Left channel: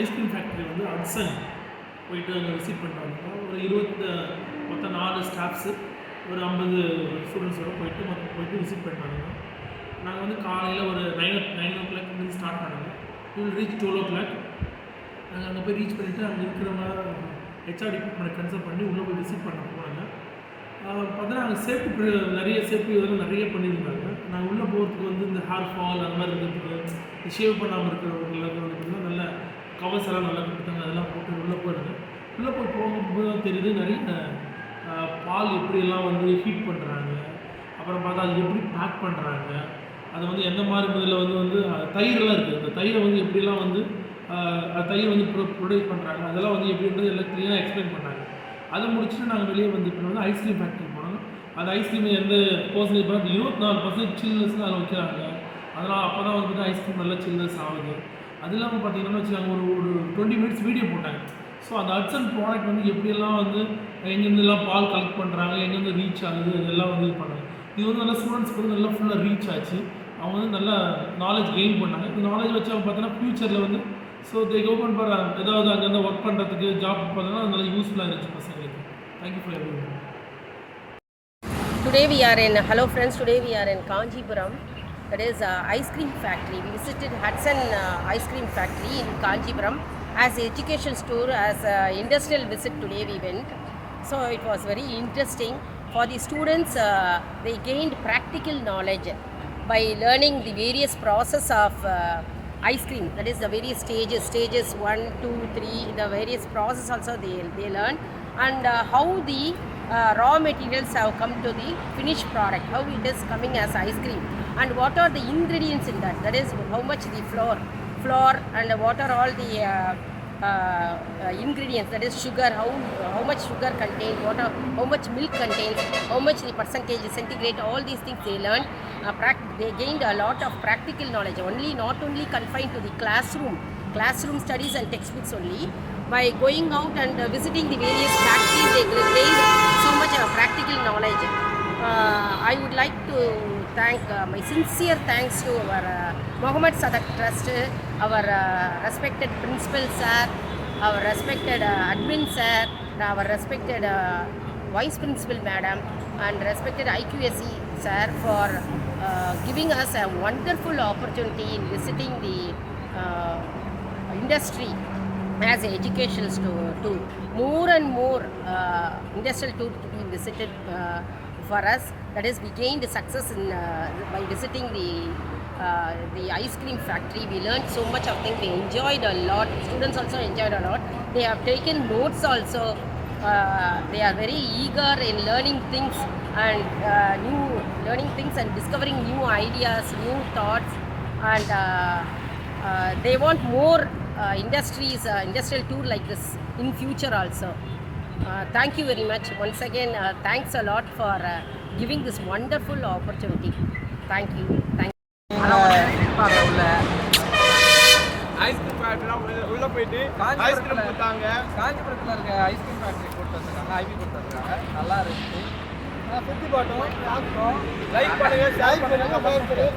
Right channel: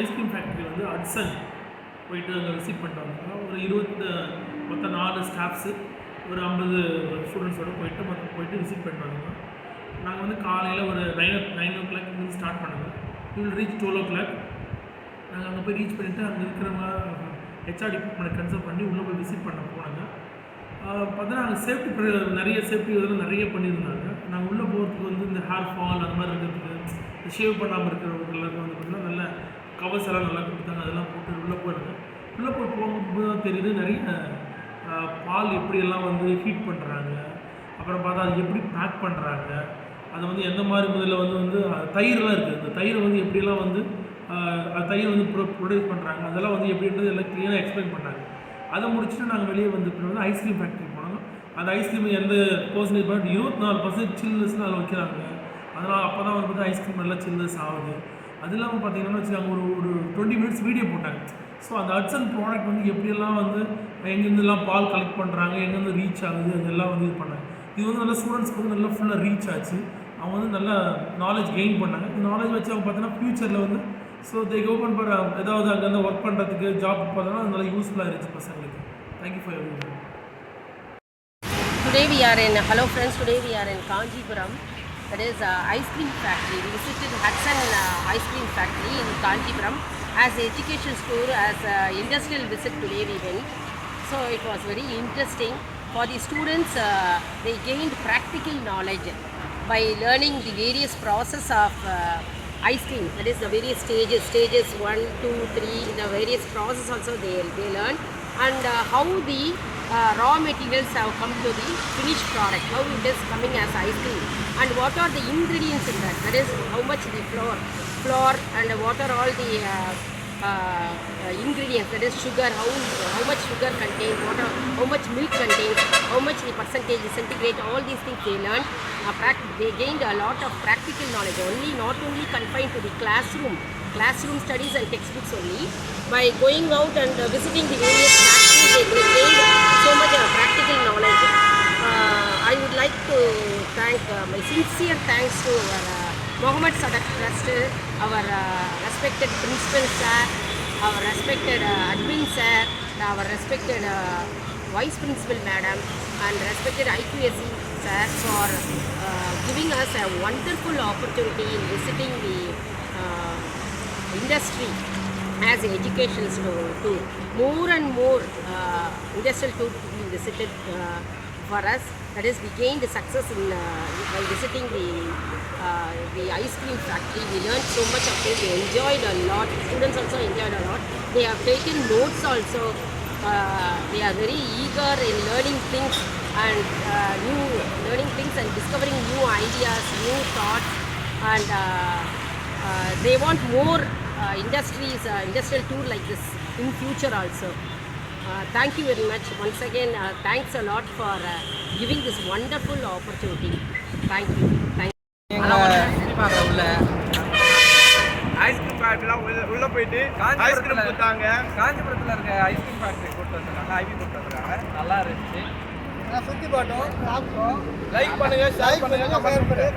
Ice cream factory வந்து ஹட்சன் போயிட்டு அங்கே விசிட் பண்ணிட்டு வந்தோம். ஒரு மொத்தம் 4 ஸ்டாஃப்ஸு ஒரு 50 ஸ்டூடெண்ட்ஸோடு போயிட்டு விசிட் பண்ணிட்டு வந்தோம். நாங்கள் வந்து காலையில் ஒரு 9 o'clock இருந்து ஸ்டார்ட் பண்ணுவோம். வில் ரீச் 12 o'clock. நாங்கள் அங்கே போய் ரீச் பண்ணிவிட்டு அங்கே இருக்கிறவங்க ஹெச்ஆர் டிபார்ட்மெண்ட் கன்சல்ட் பண்ணி உள்ளே போய் விசிட் பண்ண போனாங்க. பார்த்தோன்னா அங்கே சேஃப்டி நிறைய சேஃப்டி இதெல்லாம் நிறைய பண்ணியிருந்தாங்க. நாங்கள் உள்ளே போகிறதுக்கு வந்து இந்த ஹேர் ஃபால் அந்த மாதிரி இருக்கிறதுக்கு, இந்த ஷேவ் பண்ணாமல் இருக்கிறவங்களுக்கு வந்து பார்த்திங்கன்னா நல்ல கவர்ஸ் எல்லாம் நல்லா கொடுத்தாங்க. அதெல்லாம் போட்டு உள்ளே போயிருங்க. உள்ளே போகும்போது தான் தெரியுது நிறைய பால் எப்படியெல்லாம் வந்து ஹீட் பண்ணுறாங்க, அப்புறம் பார்த்தா அது எப்படி பேக் பண்ணுறாங்க, அதை வந்து எந்த மாதிரி முதல்ல வந்து தயிரெலாம் இருக்குது, அந்த தயிரை வந்து எப்படியெல்லாம் வந்து தயிர் வந்து ப்ரொடியூஸ் பண்ணுறாங்க, அதெல்லாம் வந்து எப்படின்றது எல்லாம் க்ளீனாக எக்ஸ்பிளைன் பண்ணாங்க. அதை முடிச்சுட்டு நாங்கள் வெளியே வந்து ஐஸ்கிரீம் ஃபேக்ட்ரி போனோம். அந்த ஐஸ்கிரீம் எந்த பர்சன்டேஜ் பார்த்து 24% சில்னஸ்னு அதில் வைக்கிறாங்க. அதனால் அப்போ தான் வந்து பார்த்தா ஐஸ்கிரீம் நல்லா சில்னஸ் ஆகுது. அது இல்லாமல் பார்த்தீங்கன்னா வச்சுக்காங்க ஒரு 20 minutes வீடியோ போட்டாங்க. ஸோ அந்த ஹட்சன் ப்ராடக்ட் வந்து எப்படியெல்லாம் வந்து எங்கேருந்துலாம் பால் கலெக்ட் பண்ணுறாங்க, எங்கேருந்து ரீச் ஆகுது, அதெல்லாம் வந்து இது பண்ணாங்க. இது வந்து நல்லா ஸ்டூடெண்ட்ஸ்க்கு வந்து நல்லா ஃபுல்லாக ரீச் ஆச்சு. அவங்க வந்து நல்லா நாலேஜ் கெயின் பண்ணாங்க. இந்த நாலேஜ் வச்சு அவங்க பார்த்தோன்னா ஃப்யூச்சரில் வந்து ஸோ தே ஓப்பன் ஃபார் ஏதாவது அங்கேருந்து ஒர்க் பண்ணுறதுக்கு ஜாப் பார்த்தோன்னா அது நல்லா யூஸ்ஃபுல்லாக இருந்துச்சு பசங்களுக்கு. Thank you for everyone. Today we are in, hello friends, today we are in Kanjipuram. That is ice cream factory. We visited Hutson ice cream factory in Kanjipuram as an educational tour, as an industrial visit today we went. So it was very interesting. For the students, they gained practical knowledge by learning the various process of ice cream. That is the various stages 1, 2, 3, the various process also they learn, and how the raw materials have come to the finished product, how it is coming as ice cream, and what are the ingredients in that. That is how much the flour and what are all the ingredients, that is sugar, how much sugar contains, how much milk contains, how much the percentage centigrade, all these things they learned. They gained a lot of practical knowledge, not only confined to the classroom studies and textbooks only. By going out and visiting the various factories, they gained so much practical knowledge. I would like to thank my sincere thanks to our Mohammed Sadak Trust, our respected principal sir, our respected admin sir, our respected vice principal madam, and respected IQSE sir for giving us a wonderful opportunity in visiting the industry as an educational tour. More and more industrial tours to be visited for us. That is, we gained success in by visiting the ice cream factory. We learned so much of things. We enjoyed a lot. Students also enjoyed a lot. They have taken notes also. They are very eager in learning things and discovering new ideas, new thoughts, and they want more industrial tour like this in future also. Thank you very much once again. Thanks a lot for giving this wonderful opportunity. Thank you. Ice cream ஃபேக்ட்ரிலாம் உள்ளே போயிட்டு ஐஸ்கிரீம் கொடுத்தாங்க. காஞ்சிபுரத்தில் இருக்க ice cream factory கூப்பிட்டு வந்துருக்காங்க, ஐவி கூப்பிட்டு வந்துருக்காங்க. நல்லா இருந்துச்சு. சுற்றி பார்த்தோம், சாப்பிட்டோம். லைக் பண்ணுங்கள், ஷேர் பண்ணுங்கள், கமெண்ட் பண்ணுங்கள்.